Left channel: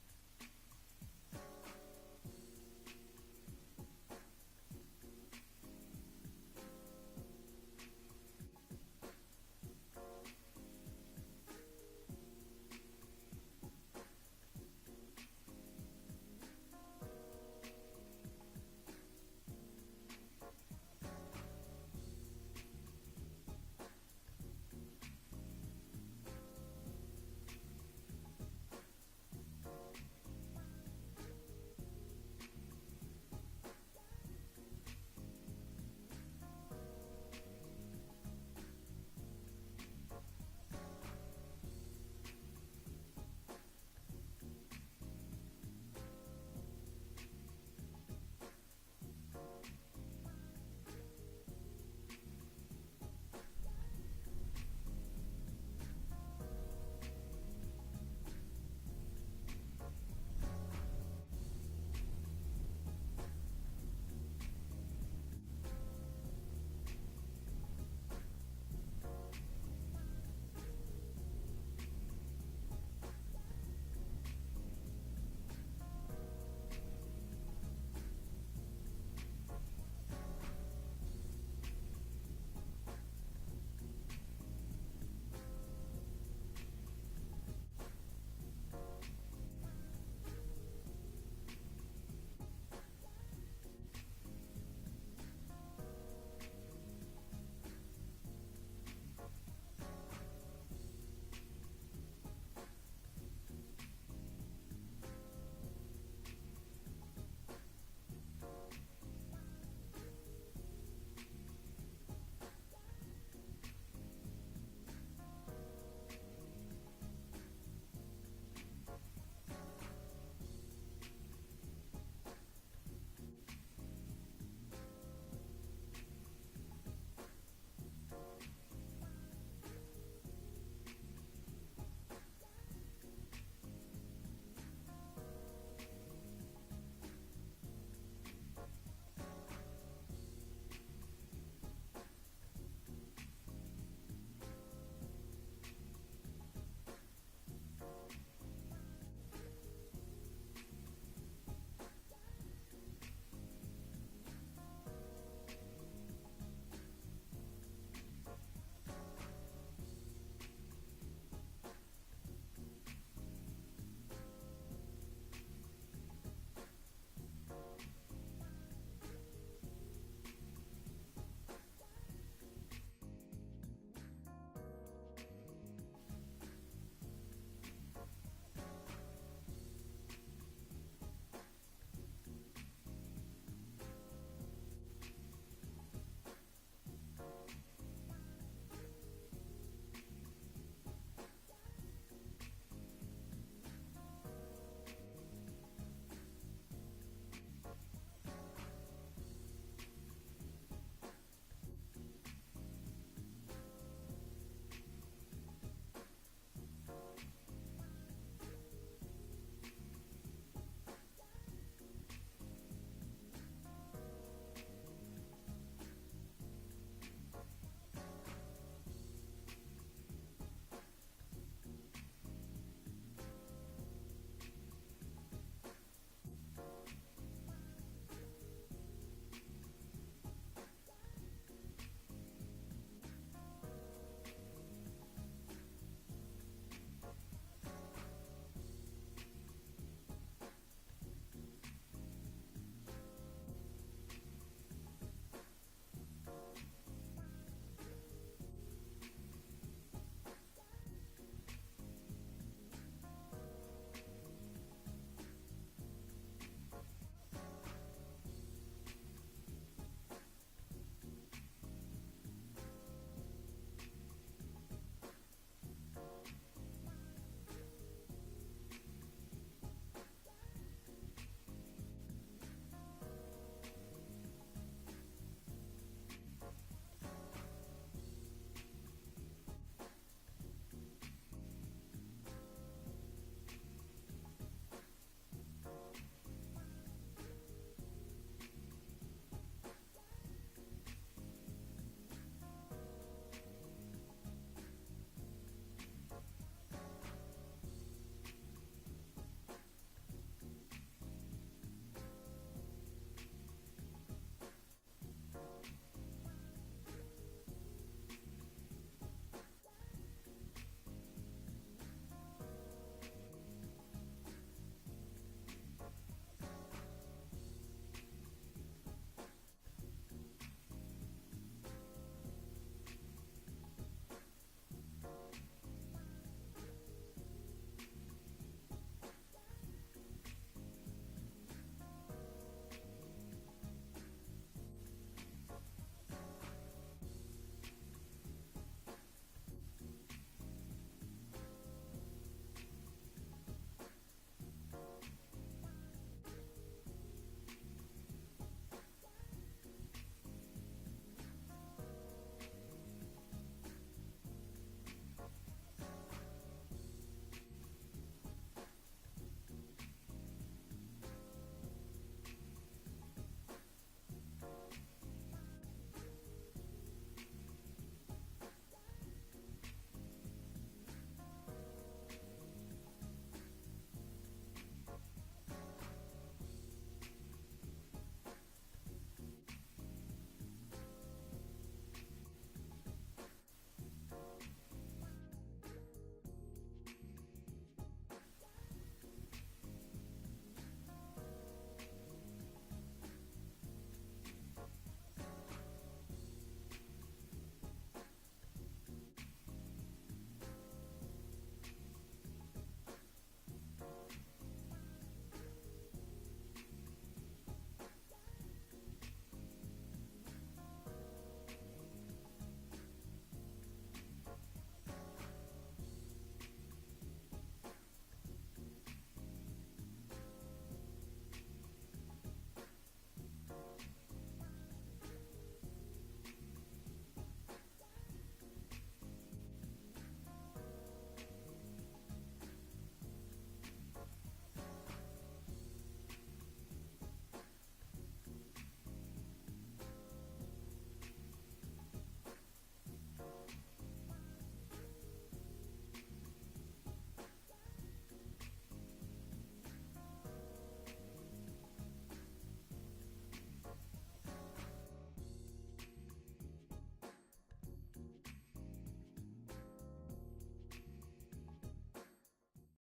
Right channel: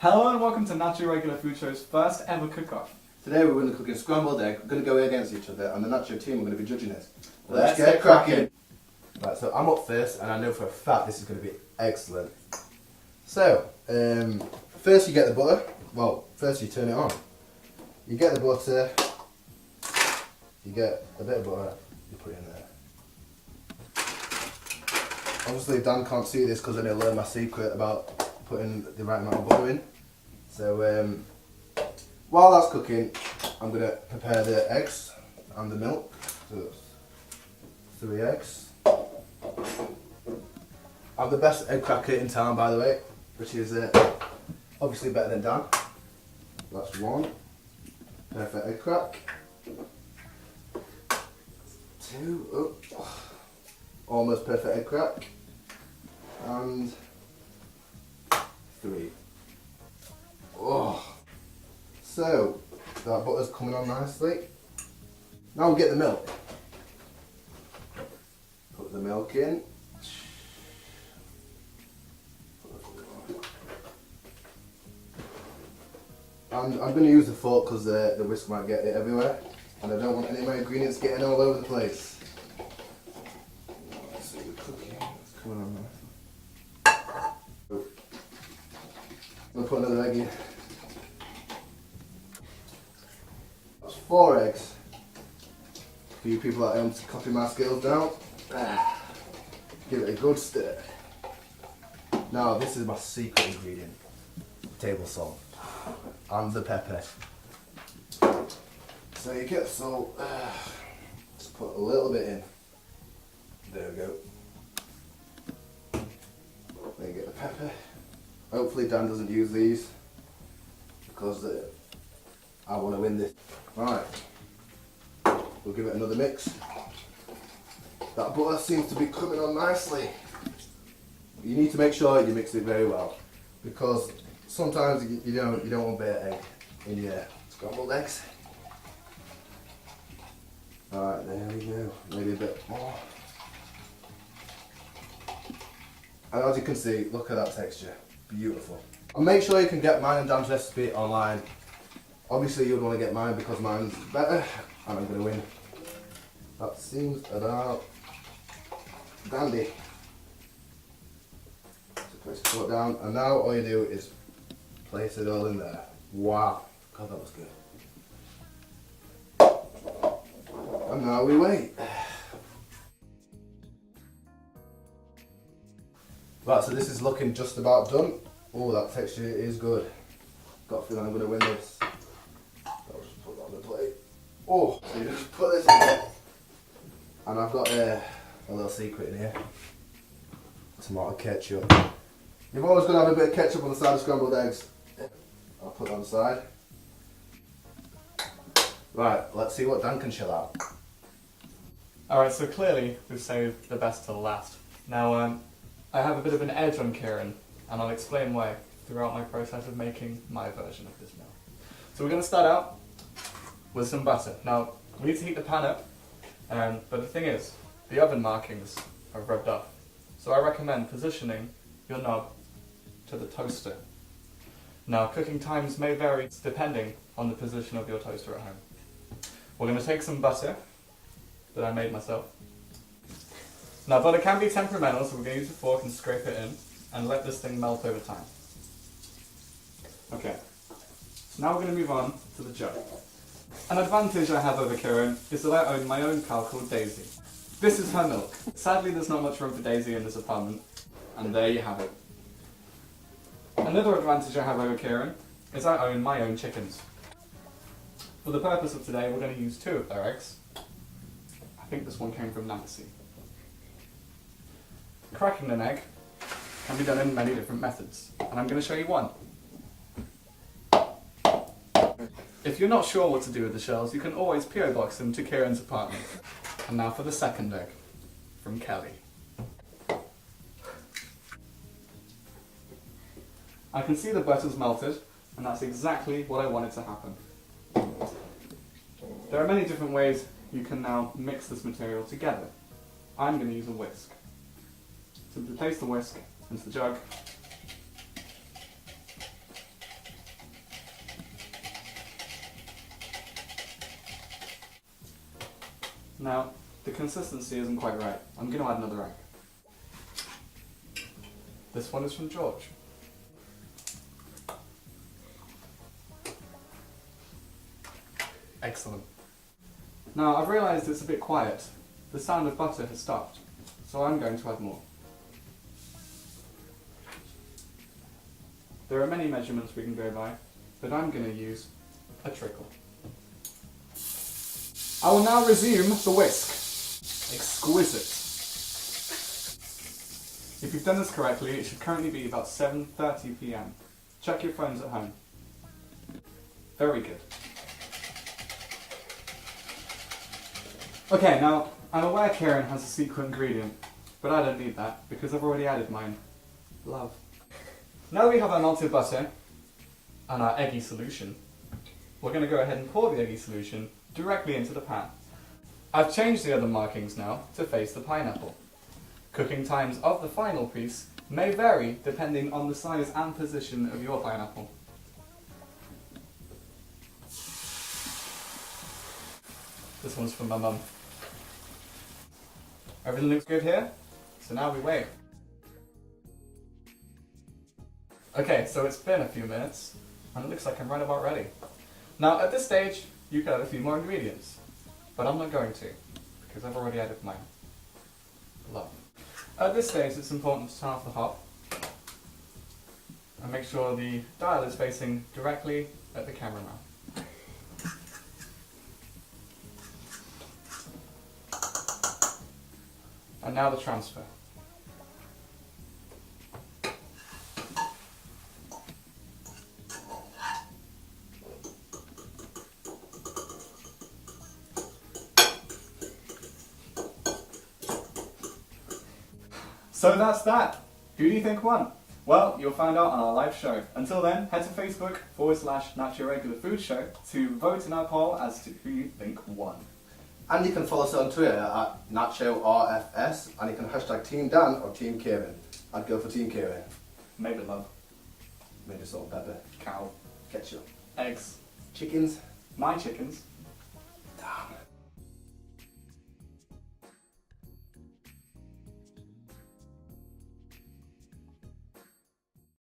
Hello and welcome to Nacho Regular Food Show's first ever cook-off. Today we're going to cook a scrambled egg. We're going to go against each other and the Nacho Team are going to be judging it. Let's get cracking. Right, so I'm up first and I know for a fact this is going to be excellent. So, first you get the butter. Well, first you turn it on. You get the butter, you get a bit of butter, you put it in there. Obviously Dan can't see this because then he'll learn my secret about putting the right amount of butter in. So while that's cooking, I'm going to prepare the eggs and the milk. So 3 eggs. I'm the best egg cracker in town, by the way, which is obviously better than Dan. That's 1. Perfect egg crack. 2. Almost perfect egg crack. And 3. Oh. So, that butter's coming on nicely. Now we get the milk. Put the milk in. And I'm going to use the fork because the whisk might get it everywhere. And I don't want any of my ingredients getting all over the place. Let's see the cooking. It's coming on now. I'm going to put another egg in. That's 4 eggs. For you people at home to copy my skills now. Give it a good stir. Now this is my secret ingredient. Table salt. And the pepper. So you get the salt. Just put a little bit in. There we go. Then you get the pepper. Hopefully Dan doesn't use these because I want to win this. Right, we'll give it another mix. That butter seems to be coming on nicely. You need to make sure you mix it very well because sometimes you don't want bare egg in your scrambled eggs. Alright, there we go. Maybe a bit more. And as you can see, look at that texture. Beautiful. And make sure you can get mine and Dan's recipe online. Obviously you'd want to get mine because mine's better and I'm going to win. That seems about dandy. So place the fork down and now all you do is place it all in there. Wow, God that was good. And now we wait. Right, so this is looking just about done. Oh, that texture is good. Got a feeling I'm going to win this. I'll just put that on the plate. Oh, so you just put this in there. And I've got a little secret in here. Tomato ketchup. You've always got to have a bit of ketchup on the side of scrambled eggs. I'll put it on the side. Right, let's see what Dan can chill out. Alright, so clearly we've saved the best till last. Now I have a bit of an edge on Kieran and I'll explain why throughout my process of making my version of this meal. So we're going to start out with some butter. Now we need to heat the pan up, but the thing is, the oven markings are rubbed off. So I recommend positioning your knob to the toaster. Now cooking times may vary depending on the position of your toaster at home. We're going to take some butter that I made myself. Now butter can be temperamental, so we're going to use a fork and scrape it in and let this thing melt over time. Okay, so now we're going to move on to the jug. An advantage I have over Kieran is that I own my own cow called Daisy. This is her milk. Sadly there's not much room for Daisy in this apartment, and there you have it. Another advantage I have over Kieran is I own my own chickens. For the purpose of today we're going to use 2 of their eggs. I think this one came from Nancy. Cracking an egg can be done in many different methods, and I'm going to show you one. If you're not sure what to do with the shells, you can always PO box them to Kieran's apartment. And now for the second egg, from Kelly. I can see the butter's melted, and that's exactly what I wanted to happen. There are many different ways you can now mix this material together. I'm going to use a whisk. Simply place the whisk into the jug Now, the consistency isn't quite right. I'm going to add another egg. This one is from George. Excellent. Now, I've realised it's a bit quiet. The sound of butter has stopped, so I'm going to add more. There are many measurements we can go by, but I'm going to use a trickle. I will now resume the whisk. Exquisite. If you've done this correctly, it should currently be about 7:30 PM. Check your phones at home. Very good. Okay, now, I'm aware Kieran has a secret ingredient, but I don't need that because I've already added mine. Love. Now we have our melted butter and our eggy solution, we're going to go ahead and pour the eggy solution directly into the pan. I've changed the other markings now to face the pineapple. Cooking times of the final piece may vary depending on the size and position of your pineapple. This one's from my mum. Everything looks good here, so now we wait. Okay, so it's been a few minutes, and it looks like I'm right about ready. Now at this stage, you can add a few more ingredients, but I'm not going to, because I've already added mine. Love. At this stage, it's important to turn off the hob, and make sure the dial is facing directly at the cameraman. And now the transfer. So that's that. Who do you think won? Well, you'll find out on our live show. Until then, head to Facebook.com/Nacho Regular Food Show to vote in our poll as to who you think won. And you can follow us on Twitter at NachoRFS, and you can hashtag Team Dan or Team Kieran. I'd go for Team Kieran. Maybe love. Maybe salt, pepper, Cow. ketchup, Eggs. chickens. My chickens.